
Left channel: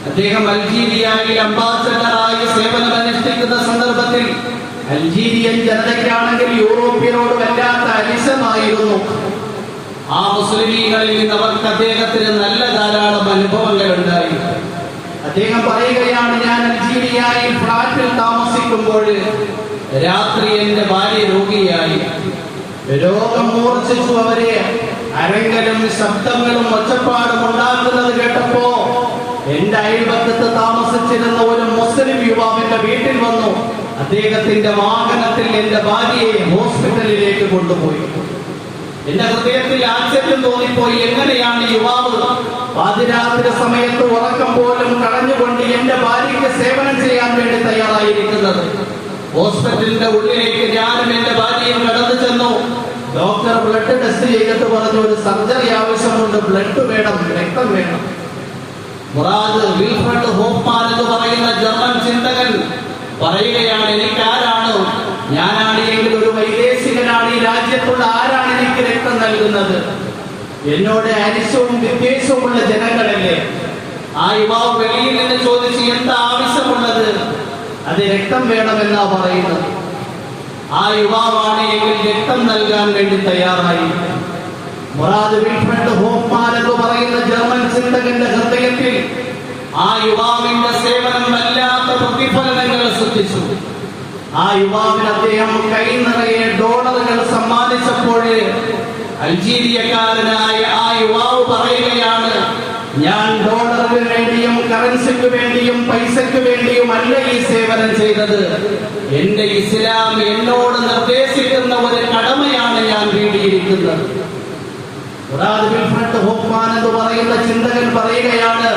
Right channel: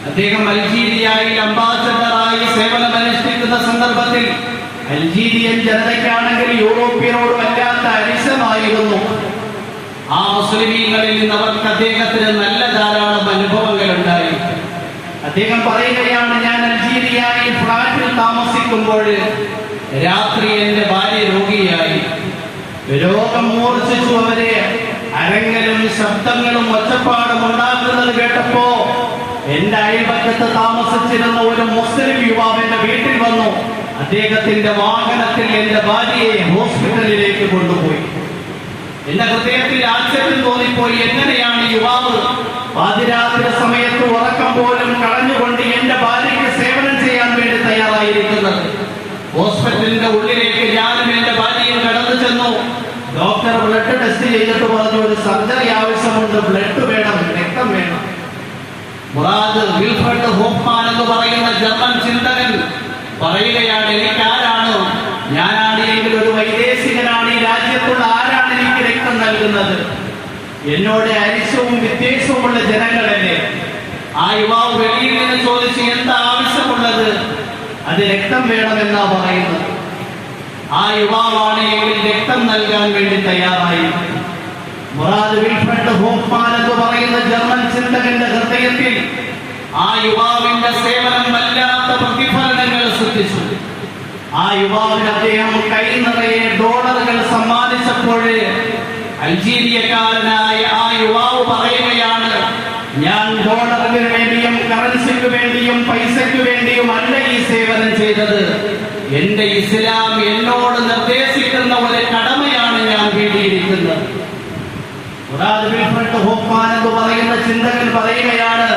അദ്ദേഹം അൽജീരിയയിൽ അംബാസഡറായി സേവനം അനുഷ്ഠിക്കുന്ന സന്ദർഭത്തിൽ അൽജീരിയൻ ജനതയ്ക്കാണെങ്കിൽ യൂറോപ്യനോട് വല്ലാത്ത അരിശമായിരുന്നു ആ മുസ്ലിമീങ്ങളിൽ നിന്ന് അവർക്ക് അദ്ദേഹത്തിന് നല്ല ധാരാളം അനുഭവങ്ങൾ ഉണ്ടായി അദ്ദേഹം പറയുകയാണ് ഞാൻ അൽജീരിയയിൽ ഫ്ലാറ്റിൽ താമസിക്കുമ്പോൾ രാത്രി എന്റെ ഭാര്യ രോഗിയായി. രോഗം മൂർച്ഛിച്ചു അവരെ അരങ്ങലും ശബ്ദങ്ങളും ഒച്ചപ്പാടും ഉണ്ടാക്കുന്നത് കേട്ടപ്പോ എന്റെ അയൽപക്കത്ത് താമസിച്ചിരുന്ന ഒരു മുസ്ലിം യുവാവിന്റെ വീട്ടിൽ വന്നു. അദ്ദേഹത്തിന്റെ വാഹനത്തിൽ എന്റെ ഭാര്യയെ ഹോസ്പിറ്റലിലേക്ക് കൊണ്ടുപോയി. എന്റെ ഹൃദയത്തിൽ ആശ്ചര്യം തോന്നിപ്പോയി. എങ്ങനെയാണ് യുവാവ്? പാതിരാത്രി സമയത്ത് ഉറക്കം പോലും കളഞ്ഞുകൊണ്ട് എന്റെ ഭാര്യയ്ക്ക് സേവനം ചെയ്യാൻ വേണ്ടി തയ്യാറായിരിക്കുന്നത്. ഹോസ്പിറ്റലിന്റെ ഉള്ളിലേക്ക് ഞാനും എന്റെ ഭാര്യയും കടന്നു ചെന്നു. ഡോക്ടർ ബ്ലഡ് ടെസ്റ്റ് ചെയ്തിട്ട് പറഞ്ഞു ഒരു സർജറി ആവശ്യമുണ്ട് ബ്ലഡ് വേണം രക്തം വേണം. മുറാദ് വിൽഫ്രഡ് ഹോഫ്മാൻ എന്ന് പറയുന്ന ജർമ്മൻ ചിന്തകൻ പറയുകയാണ് എനിക്ക് ആരാണ് ഞാനാണ് എങ്കിൽ ഒരു വൈദേശികനാണ് ഈ രാജ്യത്തുള്ള ആരാണ് നൽകുന്നത്. എന്നോട് അരിശവും വ്യത്യാസവുമുള്ള ജനങ്ങളല്ലേ? ആ യുവാവ് വെളിയിൽ നിന്ന് ചോദിച്ച് എന്താ ആവശ്യമുള്ളത്? അത് രക്തം വേണമെന്നാ പറയുന്നത്. ആ യുവാവാണ് എങ്കിൽ രക്തം നൽകാൻ വേണ്ടി തയ്യാറായി. മുറാദ് വിൽഫ്രഡ് ഹോഫ്മാൻ എന്ന് പറയുന്ന ജർമ്മൻ ചിന്തകന്റെ ഹൃദയത്തിൽ ആ യുവാവിന്റെ സേവനം വല്ലാത്ത പ്രതിഫലനങ്ങൾ സൃഷ്ടിച്ചു. ആ യുവാവിന് അദ്ദേഹം കൈ നിറയെ ഡോളറുകൾ സമ്മാനിച്ചപ്പോൾ അൾജീരിയക്കാരനായ ആ യുവാവ് പറയുകയാണ് ഞാൻ ഡോളറിന് വേണ്ടിയും കറൻസിക്ക് വേണ്ടിയും പൈസയ്ക്ക് വേണ്ടിയും അല്ല ഈ സേവനം ചെയ്തത്. എന്റെ ഇസ്ലാം എന്നോട് നിർദ്ദേശിക്കുന്ന ഒരു കടമയാണ് ഞാൻ വേണ്ടിയിരിക്കുന്നത് എന്ന് പറയുന്ന ചിന്തകൻ പറയുകയാണ്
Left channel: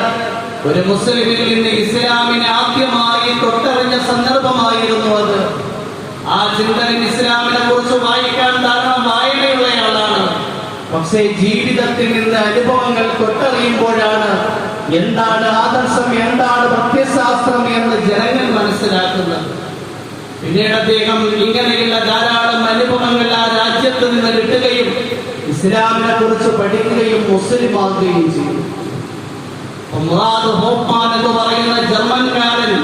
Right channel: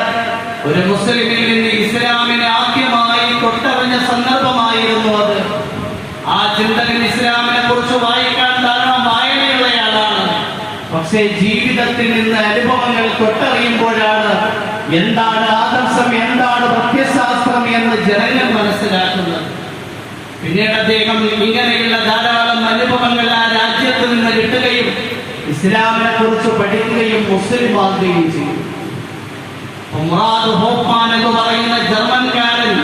ഒരു മുസ്ലിമിൽ നിന്ന് ഇസ്ലാമിനെ ആദ്യമായി തൊട്ടറിഞ്ഞ സന്ദർഭമായിരുന്നു അത്. ആ ചിന്തകൻ ഇസ്ലാമിനെ കുറിച്ച് വായിക്കാൻ വായനയുള്ളയാളാണ് പക്ഷേ ജീവിതത്തിൽ നിന്ന് അനുഭവങ്ങൾ തൊട്ടറിയുമ്പോഴാണ് എന്താണ് ആദർശം എന്താണ് പ്രത്യശാസ്ത്രം എന്ന് ജനങ്ങൾ മനസ്സിലാക്കുന്നത്. പിന്നീട് അദ്ദേഹം ഇങ്ങനെയുള്ള ധാരാളം അനുഭവങ്ങൾ ആ രാജ്യത്ത് നിന്ന് കിട്ടുകയും ഇസ്ലാമിനെ കുറിച്ച് പഠിക്കുകയും മുസ്ലിം ആകുകയും ചെയ്തു ഹോഫ്മാൻ എന്ന് പറയുന്ന ജർമ്മൻകാരൻ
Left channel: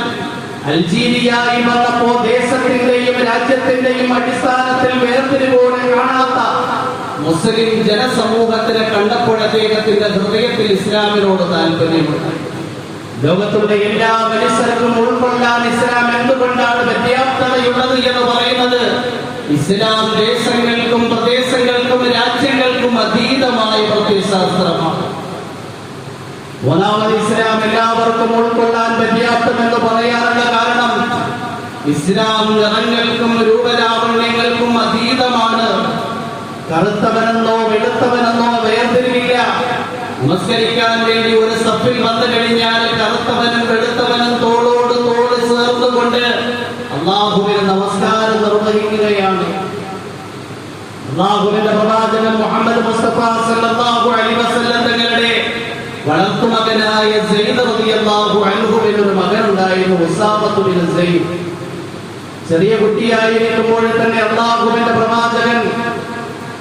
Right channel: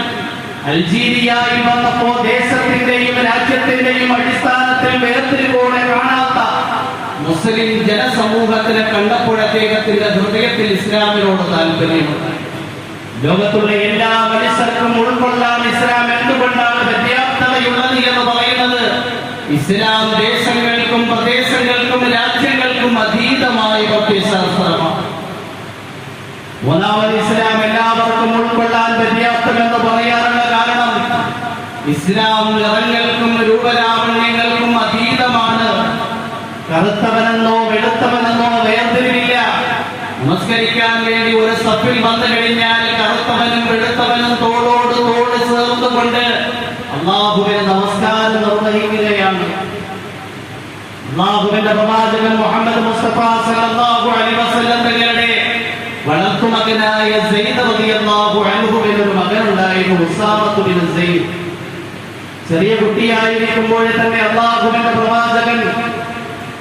അൾജീരിയയിൽ വന്നപ്പോ ദേശത്തിന്റെയും രാജ്യത്തിന്റെയും അടിസ്ഥാനത്തിൽ വേർതിരിവോടെ കാണാത്ത മുസ്ലിം ജനസമൂഹത്തിനെ കണ്ടപ്പോൾ അദ്ദേഹത്തിന്റെ ഹൃദയത്തിൽ ഇസ്ലാമിനോട് താല്പര്യമുണ്ട്. ലോകത്തുള്ള എല്ലാ മനുഷ്യർക്കും ഉൾക്കൊള്ളാൻ ഇസ്ലാം എന്തുകൊണ്ടാണ് പര്യാപ്തതയുള്ളത് എന്ന് പറയുന്നത്? ഇസ്ലാം ദേശങ്ങൾക്കും പ്രദേശങ്ങൾക്കും രാജ്യങ്ങൾക്കും അതീതമായ പ്രത്യശാസ്ത്രമാണ് ഒന്നാമത് ഇസ്ലാം എല്ലാവർക്കും ഉൾക്കൊള്ളാൻ പര്യാപ്തമെന്ന് പറയാനുള്ള കാരണം ഇസ്ലാം നിറങ്ങൾക്കും രൂപലാവണ്യങ്ങൾക്കും അതീതമാണ് കറുത്തവനെന്നോ വെളുത്തവനെന്നോ വേർതിരിവില്ല. നമസ്കരിക്കാൻ വേണ്ടി ഒരു സഫിൽ വന്നു കഴിഞ്ഞാൽ കറുത്തവനും വെളുത്തവനും തോളോട് തോട് ചേർന്നുകൊണ്ട് അള്ളാഹുവിന് നമസ്കാരം നിർവഹിക്കുകയാണ്. അള്ളാഹുവിന്റെ പ്രവാചകൻ മുഹമ്മദ് മുസ്തഫ സല്ലല്ലാഹു അലൈഹി വസല്ലം തങ്ങളുടെ വളർത്തുമകനായ സെയ്ദ് റളിയല്ലാഹു അൻഹുവിന് ഒരു മകനുണ്ടായിരുന്നു ഉസാമത്ത് ബിൻ സെയ്ദ് ചെറിയ കുട്ടിയായിരിക്കുമ്പോൾ തന്നെ അള്ളാഹുവിന്റെ പ്രവാചകൻ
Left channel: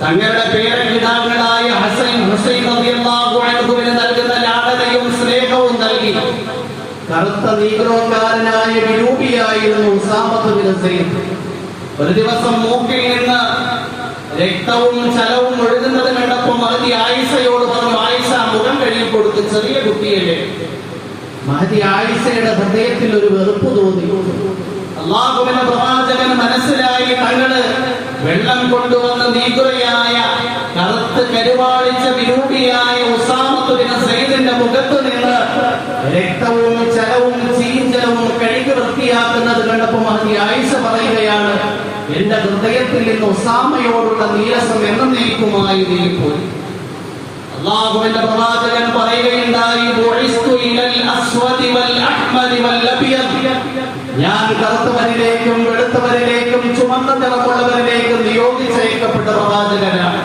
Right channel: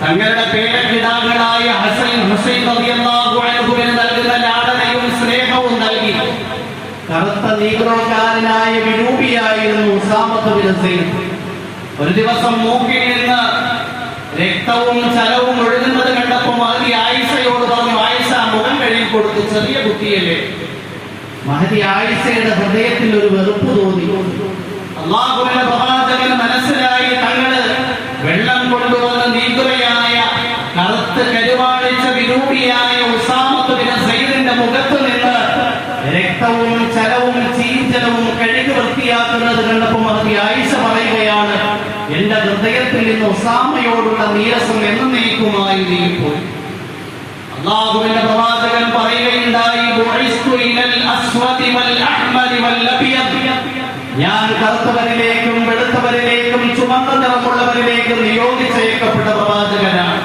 തങ്ങളുടെ പേരക്കിടാങ്ങളായ ഹസൻ ഹുസൈൻ അൻഹുവിന് നൽകുന്ന ലാടനയും സ്നേഹവും നൽകി. കറുത്ത നീഗ്രോക്കാരനായ വിരൂപിയായിരുന്നു ഉസാമത്ത് ബിൻ ഒരു ദിവസം മൂക്കിൽ നിന്ന് രക്തവും ചലവും ഒഴുകുന്നത് കണ്ടപ്പോൾ മഹതി ആയിഷയോട് പറഞ്ഞു ആയിഷ മുഖം കഴുകി കൊടുത്ത് ചെറിയ കുട്ടിയല്ലേ? മഹതി ആയിഷയുടെ ഹൃദയത്തിൽ ഒരു വെറുപ്പ് തോന്നി. അള്ളാഹുവിന്റെ പ്രവാചകൻ മനസ്സിലായി തങ്ങൾ വെള്ളം കൊണ്ടുവന്ന് നീക്കുകയായ കറുത്ത് കരുവാളിച്ച വിരൂപിയായ ഉസാമത്തുവിന് സൈദിന്റെ മുഖത്ത് നിന്ന് രക്തവും ചലവും ചീഞ്ചലവും കഴുകി വൃത്തിയാക്കുന്നത് കണ്ടപ്പോൾ മഹതി ആയിഷ പറയുകയാണ് എന്റെ ഹൃദയത്തിൽ നിന്ന് ഉസാമയോടുള്ള നീരസം എന്നേക്കുമായി നീങ്ങിപ്പോയി അള്ളാഹുവിന്റെ പ്രവാചകൻ പറയുകയുണ്ടായി. ഞാൻ കറുത്തവരിലേക്കും വെളുത്തവരിലേക്കും ചുമന്ന നിറമുള്ളവരിലേക്കും നിയോഗിച്ചേക്കപ്പെട്ട പ്രവാചകനാണ്.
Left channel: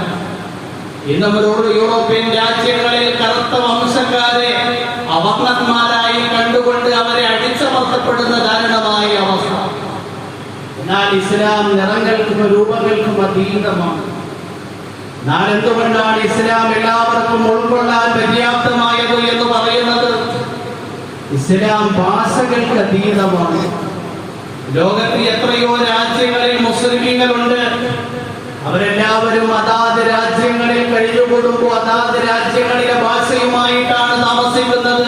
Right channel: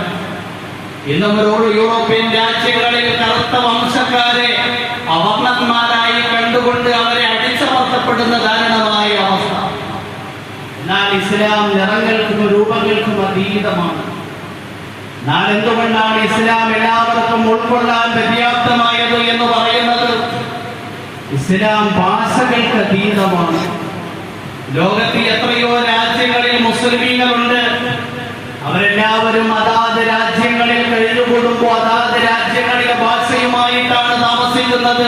ഇന്നും ഒരു യൂറോപ്യൻ രാജ്യങ്ങളിൽ കറുത്ത വംശക്കാരെ അവർണന്മാരായി കണ്ടുകൊണ്ട് അവരെ അടിച്ചമർത്തപ്പെടുന്ന കാരണമായ അവസ്ഥ. എന്നാൽ ഇസ്ലാം നിറങ്ങൾക്കും രൂപങ്ങൾക്കും അതീതമാണ്. എന്നാൽ എന്തുകൊണ്ടാണ് ഇസ്ലാം എല്ലാവർക്കും ഉൾക്കൊള്ളാൻ പര്യാപ്തമായത് എന്ന് പറയുന്നത്? ഇസ്ലാം ഭാഷകൾക്ക് അതീതമാണ്. ലോകത്തിൽ എത്രയോ രാജ്യങ്ങളിൽ മുസ്ലിമീങ്ങളുണ്ട്. അവരെല്ലാവരും അതാത് രാജ്യങ്ങളിൽ കഴിഞ്ഞുകൂടുമ്പോൾ അതാത് രാജ്യങ്ങളിലെ ഭാഷയുമായിട്ടാണ് താമസിക്കുന്നത്.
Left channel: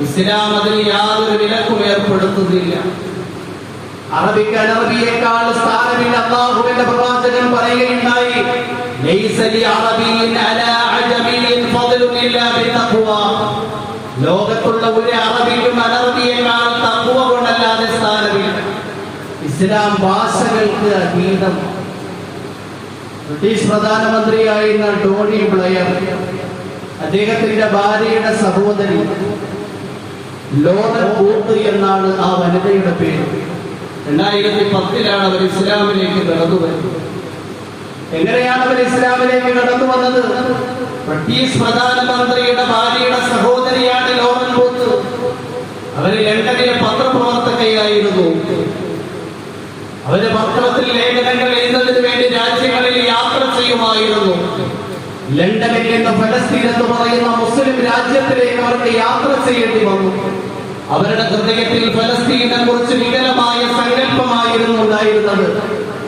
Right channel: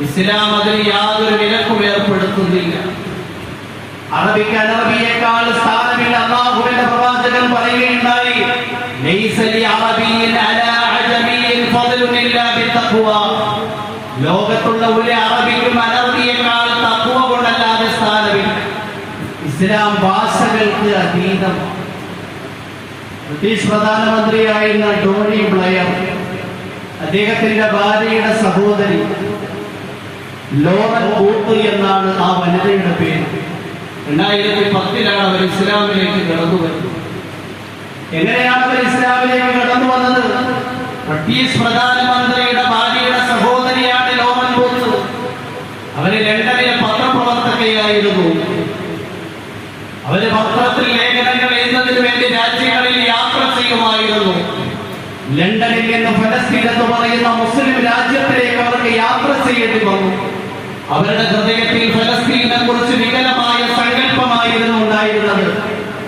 ഇസ്ലാം അതിന് യാതൊരു വിലക്കും ഏർപ്പെടുത്തുന്നില്ല. അറബിക്ക് അനറബിയേക്കാൾ സ്ഥാനമില്ല. അള്ളാഹുവിന്റെ പ്രവാചകൻ പറയുകയുണ്ടായി ലോകത്തുള്ള ഒരു അറബിക്കും അനറബിയേക്കാൾ തഖ്വ കൊണ്ടല്ലാതെ സ്ഥാനമില്ല. ഇസ്ലാം ഭാഷകൾക്ക് അതീതം. ബ്രിട്ടീഷ് പ്രധാനമന്ത്രിയായിരുന്ന ടോണി ബ്ലെയർ അദ്ദേഹത്തിന്റെ ഭാര്യയുടെ സഹോദരി ലോക കൂത്ത് എന്നാണ് ആ വനിതയുടെ പേര്. രണ്ടായിരത്തി പത്തിലാണ് അവർ ഇസ്ലാമിലേക്ക് കടന്നു വരുന്നത്. എങ്ങനെയാണ് അവർ ഇസ്ലാമിലേക്ക് കടന്നു വന്നത്? ബ്രിട്ടീഷ് പ്രധാനമന്ത്രിയുടെ ഭാര്യയുടെ സഹോദരിയാണ് ലോറൻ ബൂത്ത് അവർ ലണ്ടനിലെ പത്രപ്രവർത്തകയായിരുന്നു. അവർ പത്രത്തിൽ ലേഖനങ്ങൾ എഴുതുന്നതിന് വേണ്ടി രാജ്യങ്ങളിൽ യാത്ര ചെയ്യുമായിരുന്നു. ലണ്ടനിൽ നിന്ന് ഫലസ്തീൻ എന്ന് പറയുന്ന മുസ്ലിം രാജ്യത്തിലേക്ക് അവർക്ക് യാത്ര ചെയ്യേണ്ടി വന്നു. അവരുടെ ഹൃദയത്തിൽ ഫലസ്തീനെ കുറിച്ച് വികലമായ സങ്കല്പമായിരുന്നു ഉണ്ടായിരുന്നത്.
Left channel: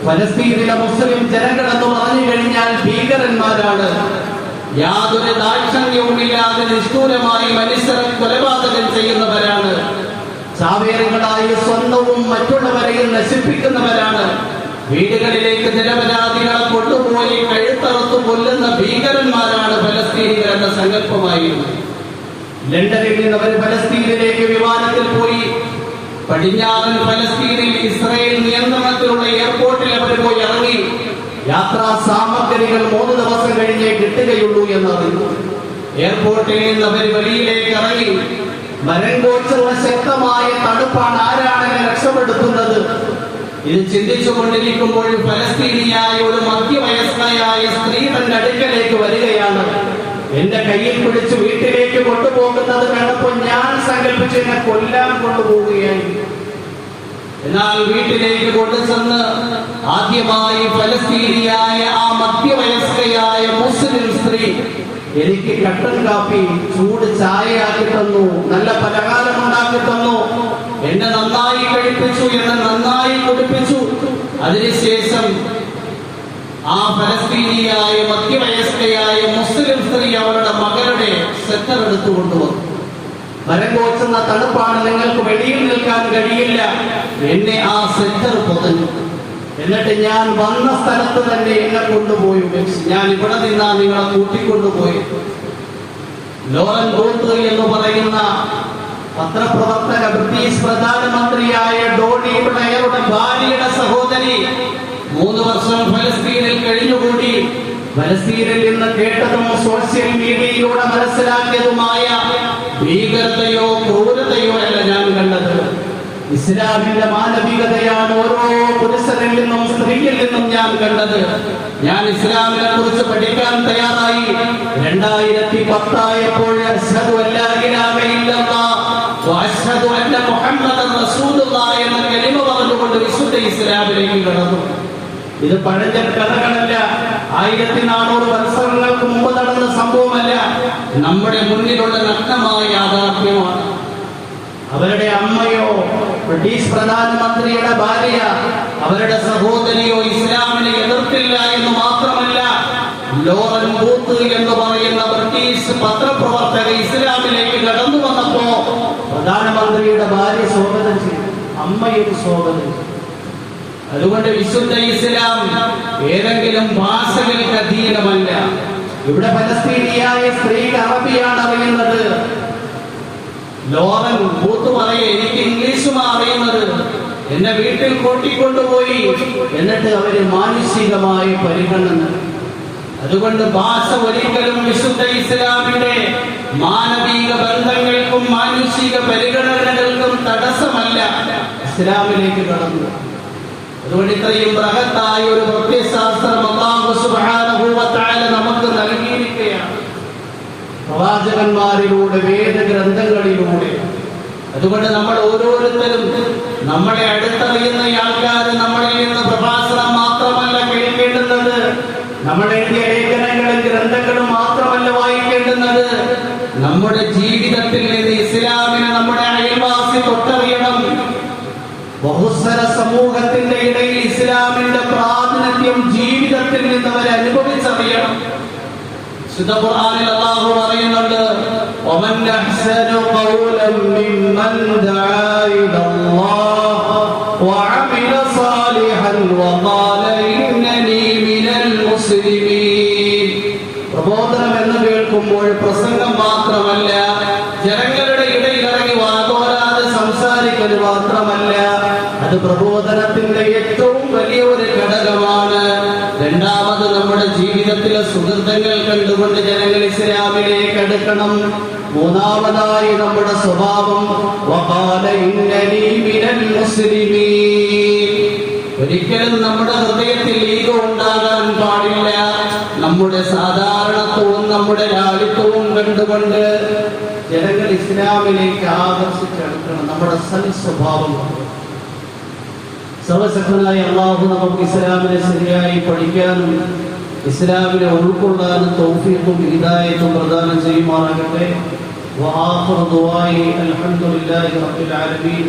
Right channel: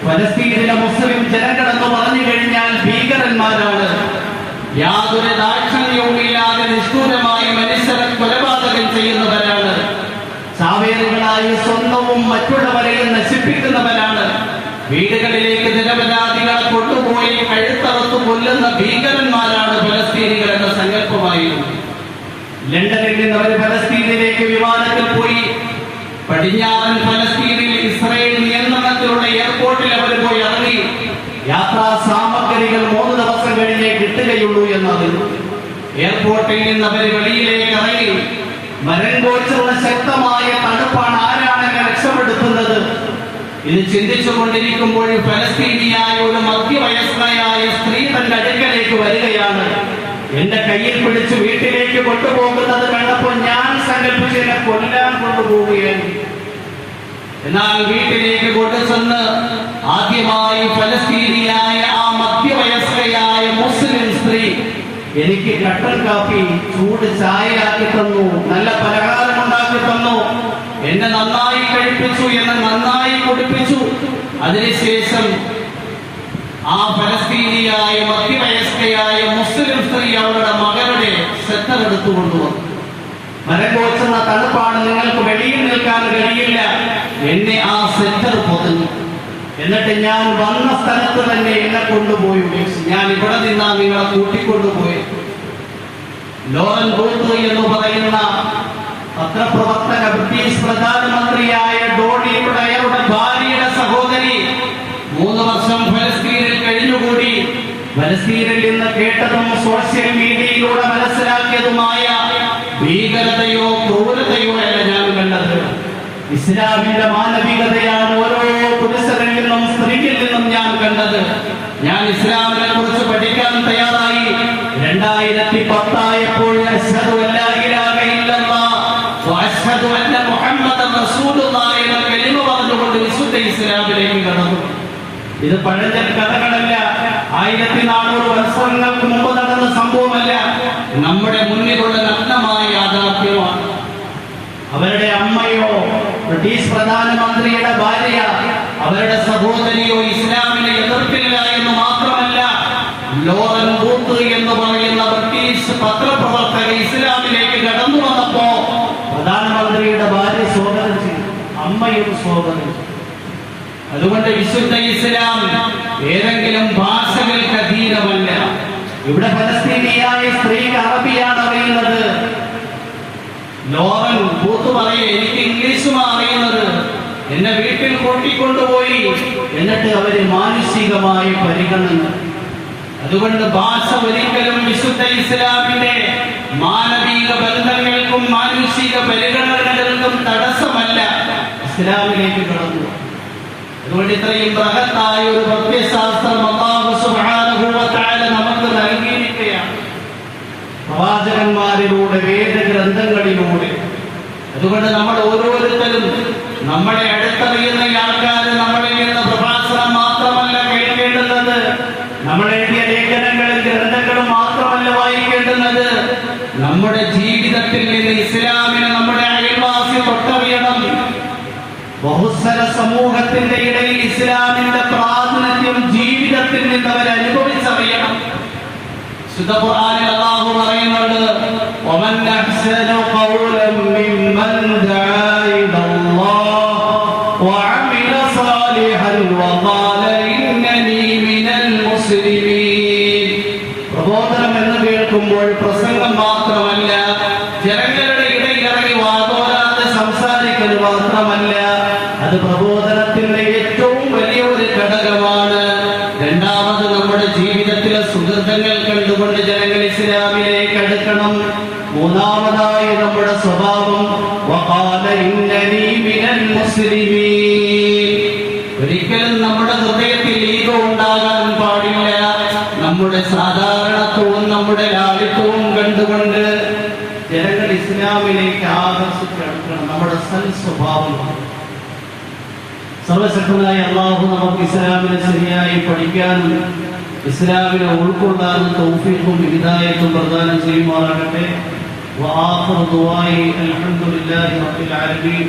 ഫലസ്തീനിലെ മുസ്ലിം ജനങ്ങളെന്ന് പറഞ്ഞു കഴിഞ്ഞാൽ ഭീകരന്മാരാണ്. യാതൊരു ദാക്ഷിണ്യവുമില്ലാതെ നിഷ്ഠൂരമായി മനുഷ്യരെ കൊലപാതകം ചെയ്യുന്നവരാണ്. ചാവേറുകളായി സ്വന്തവും മറ്റുള്ളവരെയും നശിപ്പിക്കുന്നവരാണ്. വീടുകളിലേക്ക് നിരപരാധികളെ കൊണ്ടുപോയി കഴുത്തറുത്ത് കൊല്ലുന്ന ഭീകരന്മാരാണ് ഫലസ്തീനികളുടെ സങ്കല്പമായിരുന്നത് സങ്കല്പമായിരുന്നു. ലണ്ടനിൽ നിന്ന് അവർ ഫലസ്തീനിലേക്ക് വിമാനത്തിൽ പോയി. പടിഞ്ഞാറൻ ഫലസ്തീനിൽ ഇസ്രായേൽ നിയന്ത്രണത്തിലുള്ള എയർപോർട്ടിൽ അവർ പോയി ഇറങ്ങി. യാത്രാ സാമഗ്രികൾ മൂന്ന് ദിവസം കഴിഞ്ഞേ കിട്ടുകയുള്ളൂ എന്നറിഞ്ഞു. എയർപോർട്ടിൽ നിന്ന് അവർ വെളിയിലേക്ക് ഇറങ്ങി. മരം കോച്ചുള്ള ശക്തമായ തണുപ്പാണ് ആരാണ് എന്നെ രക്ഷപ്പെടുത്തുന്നത് ഇത് ചിന്തിച്ചു കൊണ്ടിരിക്കുമ്പോൾ ഫലസ്തീനിയായ ഒരു മധ്യവയസ്കനായ സ്ത്രീ തന്റെ അടുക്കലേക്ക് വരികയാണ്. എന്റെ കയ്യിൽ പിടിച്ച് വീട്ടിലേക്ക് കൊണ്ടുപോകുന്നത് കണ്ടപ്പോൾ ഞാൻ സങ്കല്പിച്ച് എന്നെ കൊല്ലാൻ കൊണ്ടുപോവുകയാണ് എന്നാൽ വീട്ടിലേക്ക് കൊണ്ടുചെന്ന് ആദ്യമായി ഫലസ്തീനിയായ ആ മധ്യവയസ്കയായ മുസ്ലിം സ്ത്രീ എനിക്ക് കട്ടൻ കാപ്പി ചൂട് ചായയാക്കി തന്നു നല്ല പലഹാരം ഉണ്ടാക്കി തന്നു. എന്നെ നന്നായി കഴിപ്പിച്ചു എന്നെ നന്നായി കുടിപ്പിച്ചു. അതിനുശേഷം ആ ഫലസ്തീനിയായ മധ്യവയസ്കയായ സ്ത്രീ അവരുടെ മകളുടെ സെറ്റർ എടുത്തു കൊണ്ടുവന്നു. മരം കോച്ചുന്ന തണുപ്പാണ് നിങ്ങൾക്ക് വെളിയിൽ നിൽക്കാൻ കഴിയില്ല. എന്നെ ആ സെറ്റർ പൊതിഞ്ഞു. എന്നിട്ട് ഞാൻ വന്ന സ്ഥലത്ത് തന്നെ എന്നെ കൊണ്ടുപോയി ഞാൻ ഇവിടെ നിന്നാ നിങ്ങളെ കൂട്ടിക്കൊണ്ടുപോയി. ലോറൻ ബോട്ടു എന്ന് പറയുന്ന പത്രപ്രവർത്തക ബ്രിട്ടീഷ് പ്രധാനമന്ത്രിയായ ഡോണി ബ്ലെയറുടെ ഭാര്യയുടെ സഹോദരി മൂന്ന് വർഷം ഫലസ്തീനിൽ കഴിഞ്ഞുകൂടി. ഫലസ്തീനിൽ നിന്ന് കേട്ടതും സോഷ്യൽ മീഡിയയിലൂടെ മനസ്സിലാക്കിയതുമായ ഭീകരതയോ ക്രൂരതയോ അല്ല ഞാൻ കണ്ടത്. ഇസ്ലാമിന്റെ മാനവികതയാണ് ഓരോ പുരുഷനിൽ നിന്നും സ്ത്രീയിൽ നിന്നും ഞാൻ കണ്ടത്. ഞാൻ ഇസ്ലാമിനെ കുറിച്ച് പഠിക്കാൻ തയ്യാറായി. രണ്ടായിരത്തി പത്തായപ്പോൾ എന്ന കലിമ പറഞ്ഞുകൊണ്ട് വിശുദ്ധ ഇസ്ലാമിലേക്ക് കടന്നു. ഇത് പഴഞ്ചൻ കഥകളല്ല. ആയിരത്തി നാനൂറ് വത്സരങ്ങൾക്ക് മുമ്പ് നടന്ന സംഭവമല്ല. നമ്മുടെ മുന്നിലുള്ള നഗ്നമായ യാഥാർത്ഥ്യമാണ്. അവരുടെ അമ്മയോ ബ്രിട്ടീഷ് പ്രധാനമന്ത്രിയുടെ ഭാര്യ അവരുടെ സഹോദരിയോ ഇസ്ലാമിനെ എതിർപ്പില്ല എന്ന് മാത്രമല്ല ലോറൻ ബൂത്ത് എന്ന് പറയുന്ന ബ്രിട്ടീഷ് പത്രപ്രവർത്തക ഇസ്ലാമിലേക്ക് കടന്നു വന്നപ്പോ പ്രധാനമന്ത്രിയുടെ ഭാര്യ സ്വാഗതം ചെയ്തു. അമ്മയും സ്വാഗതം ചെയ്തു. അതുകൊണ്ട് വിശുദ്ധ ഇസ്ലാം ഏതെങ്കിലും ഭാഷകൾക്ക് അധീനമല്ല ഇവിടെ ഫലസ്തീനിയായ സ്ത്രീക്ക് അറബിയാണ് അറിയുന്നത്. ലോറൻ പൂത്തു പറയ എനിക്ക് ഇംഗ്ലീഷും അറിയുന്നത്. എന്നെ വീട്ടിൽ കൂട്ടിക്കൊണ്ടുപോയി. എന്നിട്ട് അവർ മാനുഷികമായി പരിഗണന. അതുകൊണ്ട് ഭാഷ ഒരിക്കലും വിശുദ്ധ ഇസ്ലാമിന്റെ മാനവിക ബന്ധങ്ങൾക്കും മാനുഷിക പരിഗണനകൾക്കും തടസ്സമല്ല. ഇസ്ലാമിലേക്ക് കടന്നു. അതുകൊണ്ട് ഇത്രയും ബൃഹത്തായ ഒരു പ്രത്യശാസ്ത്രം പ്രവാചകന്മാരിലൂടെ വേദഗ്രന്ഥങ്ങളിലൂടെ. അതുകൊണ്ട് നമ്മൾ ഓരോരുത്തരും നമ്മളെ അടുത്തറിയുന്ന ആൾക്കാർ നമ്മളെ പ്രഭാഷണം മാത്രമല്ല കേൾക്കേണ്ടുന്നത്. നമ്മൾ ലേഖനങ്ങളും ഗ്രന്ഥങ്ങളും മാത്രമല്ല വായിക്കേണ്ടുന്നത്. നമ്മുടെ ജീവിതത്തിൽ നിന്ന് ഇസ്ലാമിനെ നമ്മുടെ അയൽവാസി തൊട്ടറിയണം ബഹുസ്വര സമൂഹത്തിന്റെ ഇടയിൽ ഇസ്ലാമിന്റെ പ്രാതിനിധ്യം ജീവിതത്തിൽ നിന്ന് അവർ അനുഭവിച്ചറിയണം ശുദ്ധ ഖുർആനിൽ അല്ലാഹു പറയുന്നുണ്ട് ومن احسن قولا ممن دعا الى الله وعمل صالحا وقال انني من المسلمين പ്രബോധനം എന്ന് കേൾക്കുമ്പോൾ പ്രസംഗം മാത്രമല്ല ജനങ്ങളുടെ ഇടയിൽ ഇറങ്ങി വാതോരാതെ സംസാരിക്കൽ മാത്രമല്ല അത് പ്രബോധനത്തിന്റെ ഏറ്റവും വലിയ ഒരു ഘടകമാണ്. രണ്ടാമത് നമ്മുടെ ജീവിതത്തിലെ സുഹൃത്തുക്കൾ കണ്ടുകൊണ്ട് ജനങ്ങൾ ഇസ്ലാമിലേക്ക് അടുക്കണം. മൂന്നാമതായി നമ്മുടെ സ്വഭാവം ഒരിക്കലും നമ്മുടെ ഹൃദയത്തിൽ ഈഗോ ഉണ്ടാകാൻ പാടില്ല. നമ്മുടെ സാധാരണത്വവും നമ്മുടെ ലാളിത്വവും കണ്ടുകൊണ്ട് ജനങ്ങൾ ഇസ്ലാമിലേക്ക് ആകർഷിച്ചെടുക്കണം നമ്മുടെ സൽ സ്വഭാവം സർവശക്തനായ അള്ളാഹു നമുക്ക് ഇസ്ലാമിനെ ശരിയായി പഠിക്കാനും ഇസ്ലാമിനെ ഉൾക്കൊള്ളാനും തൗഫീഖും ഹിദായത്തും പ്രദാനം ചെയ്യുമാറാകട്ടെ وآخر دعائي الحمد لله رب العالمين